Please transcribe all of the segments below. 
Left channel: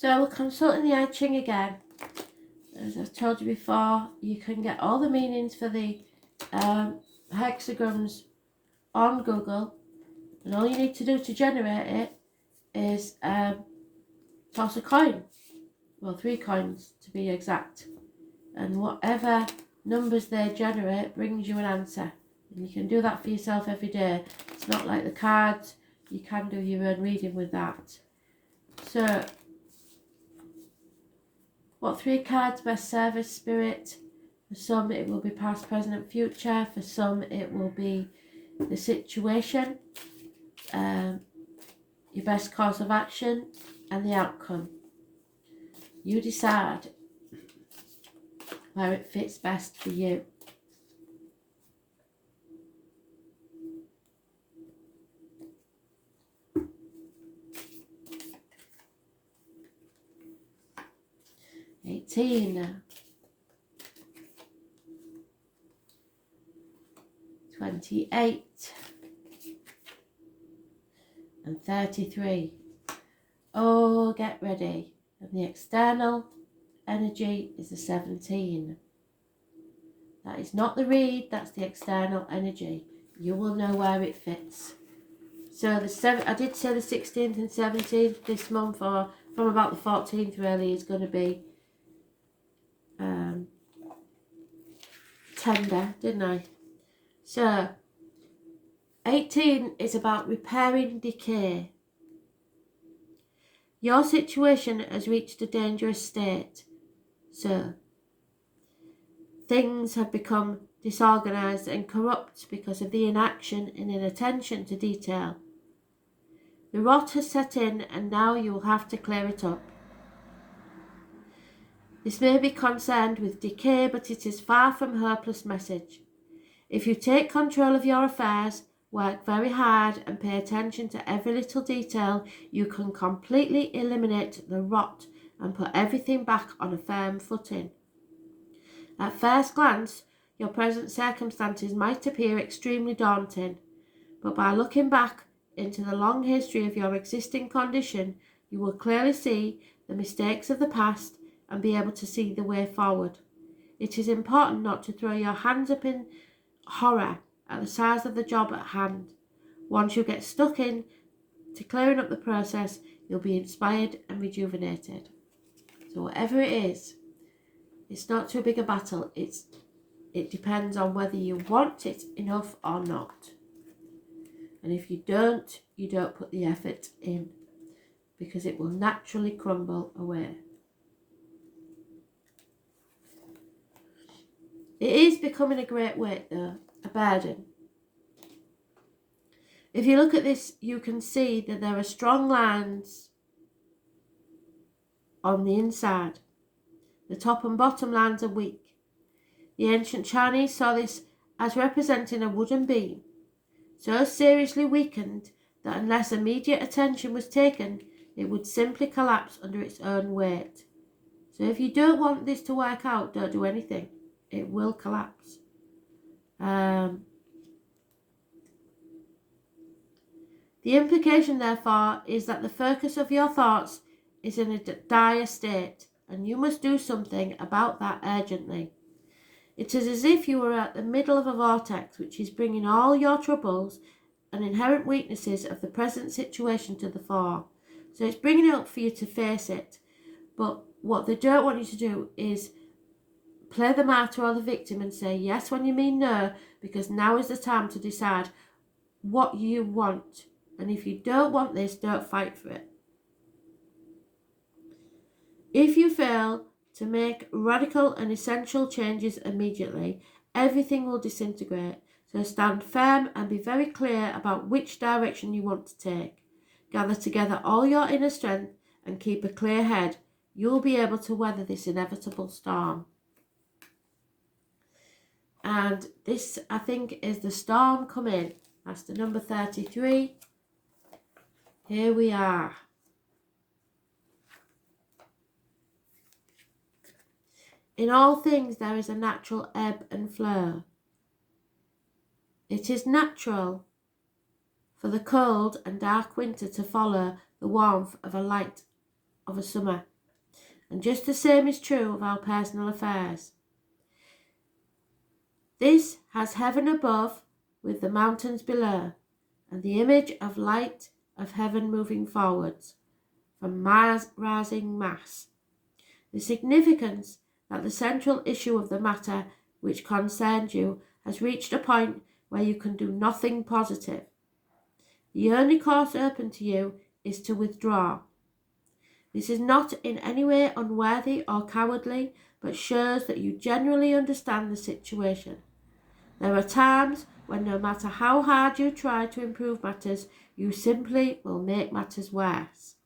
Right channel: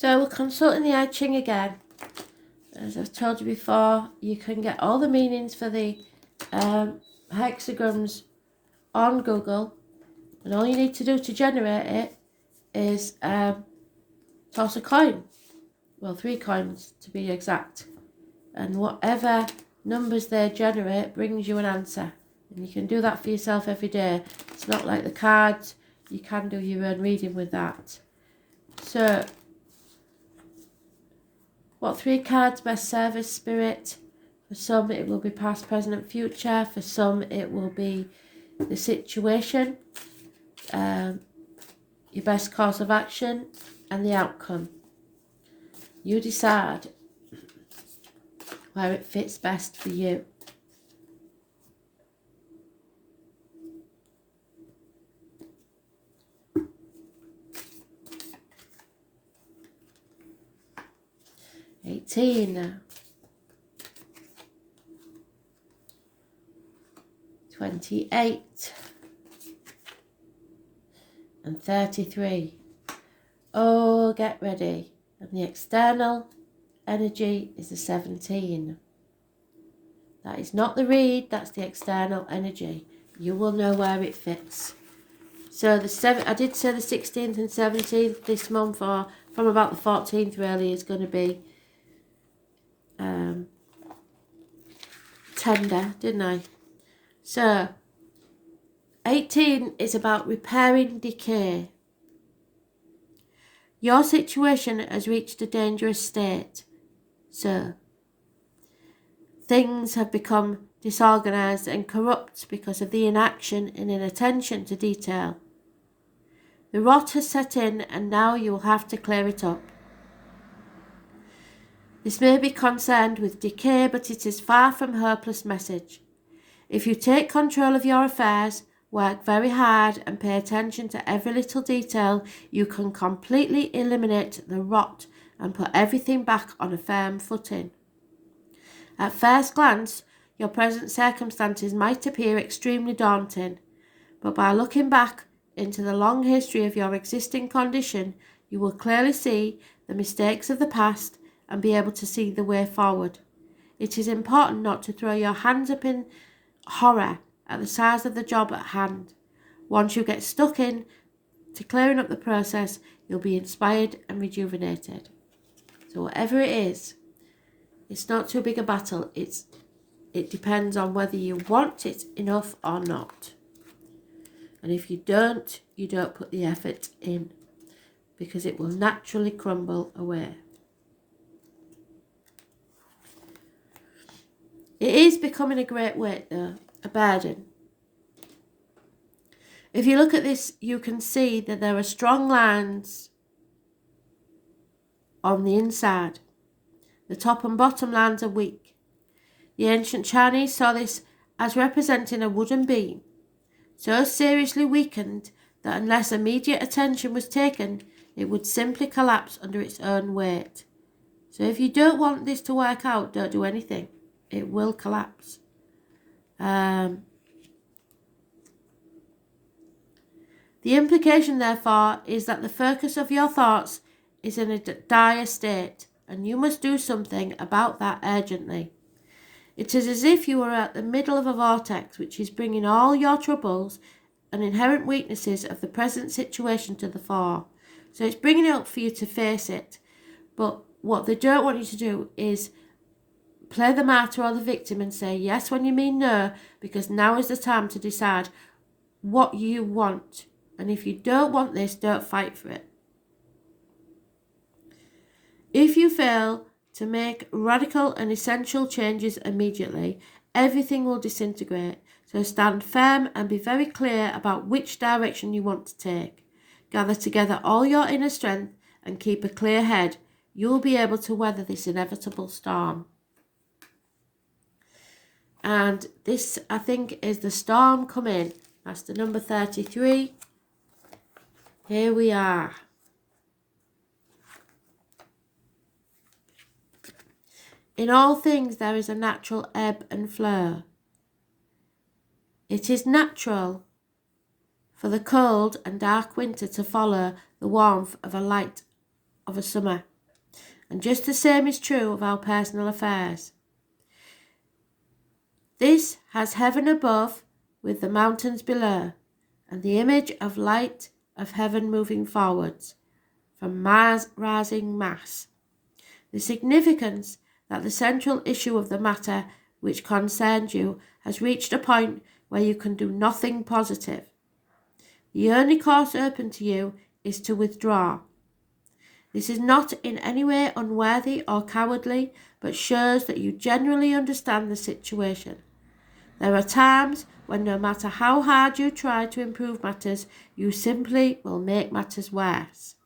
So we're consulting the Ching again. As I've told you before, you can get all the meanings for the hexagrams on Google, and all you need to do to generate it is toss a coin. Well, 3 coins to be exact. And whatever numbers they generate brings you an answer. And you can do that for yourself every day. It's not like the cards. You can do your own reading with that. So, what 3 cards best serve as spirit? For some it will be past, present and future. For some it will be the situation, your best course of action and the outcome. You decide where it fits best for you. $18, 28 and 33. Oh, get ready. And the external energy is the 17. That is not the read, that's the external energy. You will know where it fits. So I did say the 16th and 17th this month, or from about the 14th really, is going to be tender, didn't I? So 18 is about repairing decay. Your situation has reached a dangerous state. So things have become disorganised and corrupt because of the inaction and inattention to detail. The rot has set in and now you will have to clear it up. This may be concerned with decay, but it is far from a hopeless message. If you take control of your affairs, work very hard and pay attention to every little detail, you can completely eliminate the rot and put everything back on a firm footing. At first glance, your present circumstances might appear extremely daunting, but by looking back into the long history of your existing condition, you will clearly see the mistakes of the past and be able to see the way forward. It is important not to throw your hands up in horror at the size of the job at hand. Once you get stuck in to clearing up the process, you'll be inspired and rejuvenated. So whatever it is, it's not too big a battle. It depends on whether you want it enough or not. And if you don't put the effort in, because it will naturally crumble away. It is becoming a great weight though, a burden. If you look at this, you can see that there are strong lines on the inside. The top and bottom lines are weak. The ancient Chinese saw this as representing a wooden beam, so seriously weakened that unless immediate attention was taken, it would simply collapse under its own weight. So if you don't want this to work out, don't do anything. It will collapse. The implication, therefore, is that the focus of your thoughts is in a dire state, and you must do something about that urgently. It is as if you were at the middle of a vortex which is bringing all your troubles and inherent weaknesses of the present situation to the fore. So it's bringing it up for you to face it. But what they don't want you to do is play the martyr or the victim and say yes when you mean no, because now is the time to decide what you want. And if you don't want this, don't fight for it. If you fail to make radical and essential changes immediately, everything will disintegrate. So stand firm and be very clear about which direction you want to take. Gather together all your inner strength and keep a clear head. You will be able to weather this inevitable storm. And this, I think, is the storm coming. That's the number 33. Here we are. In all things there is a natural ebb and flow. It is natural for the cold and dark winter to follow the warmth of a light of a summer. And just the same is true of our personal affairs. This has heaven above with the mountains below, and the image of light of heaven moving forwards from rising mass. The significance that the central issue of the matter which concerns you has reached a point where you can do nothing positive. The only course open to you is to withdraw. This is not in any way unworthy or cowardly, but shows that you generally understand the situation. There are times when no matter how hard you try to improve matters, you simply will make matters worse.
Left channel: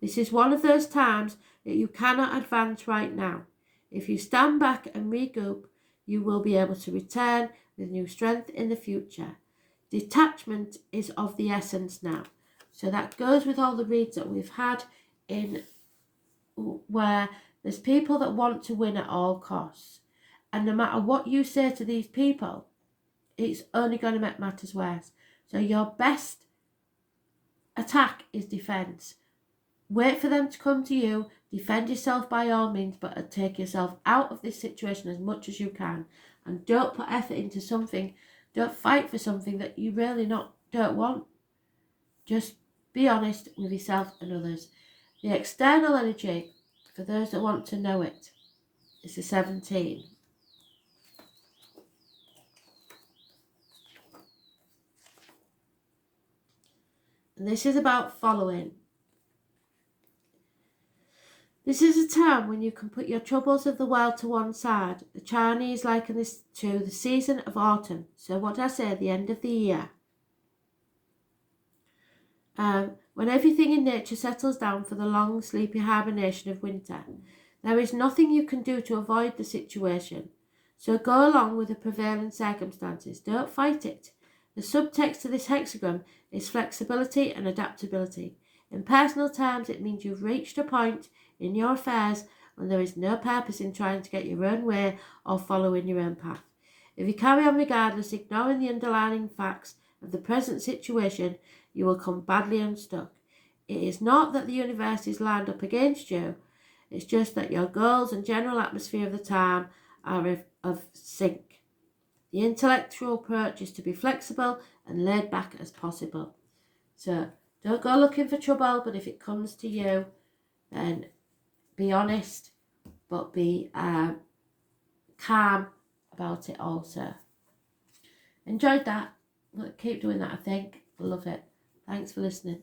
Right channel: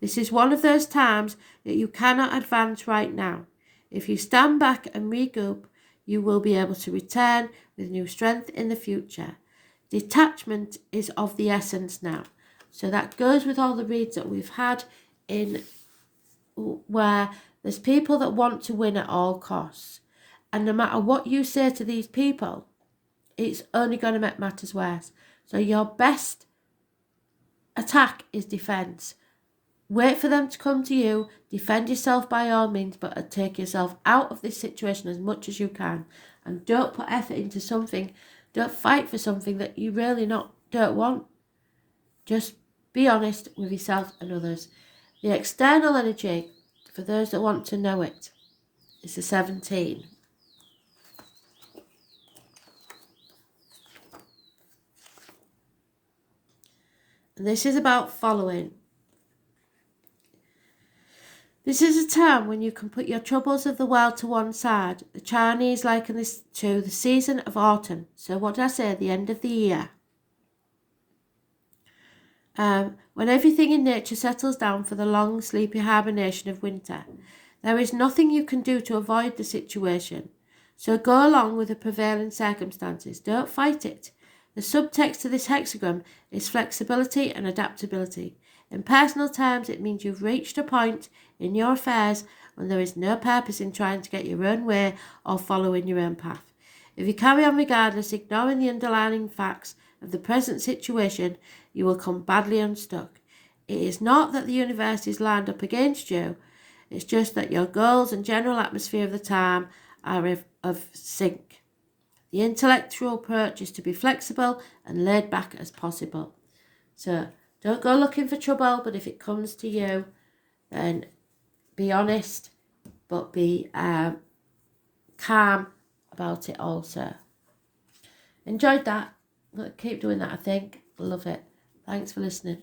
This is one of those times that you cannot advance right now. If you stand back and regroup, you will be able to return with new strength in the future. Detachment is of the essence now. So that goes with all the reads that we've had in where there's people that want to win at all costs. And no matter what you say to these people, it's only going to make matters worse. So your best attack is defence. Wait for them to come to you, defend yourself by all means, but take yourself out of this situation as much as you can. And don't put effort into something, don't fight for something that you really don't want. Just be honest with yourself and others. The external energy, for those that want to know it, is the 17. And this is about following. This is a time when you can put your troubles of the world to one side. The Chinese liken this to the season of autumn. So what did I say? The end of the year. When everything in nature settles down for the long, sleepy hibernation of winter. There is nothing you can do to avoid the situation. So go along with the prevailing circumstances. Don't fight it. The subtext to this hexagram is flexibility and adaptability. In personal terms, it means you've reached a point in your affairs when there is no purpose in trying to get your own way or following your own path. If you carry on regardless, ignoring the underlying facts of the present situation, you will come badly unstuck. It is not that the universe is lined up against you, it's just that your goals and general atmosphere of the time are of sync. The intellectual approach is to be flexible and laid back as possible. So don't go looking for trouble, but if it comes to you, then be honest, but be calm about it also. Enjoyed that. Keep doing that, I think. Love it. Thanks for listening.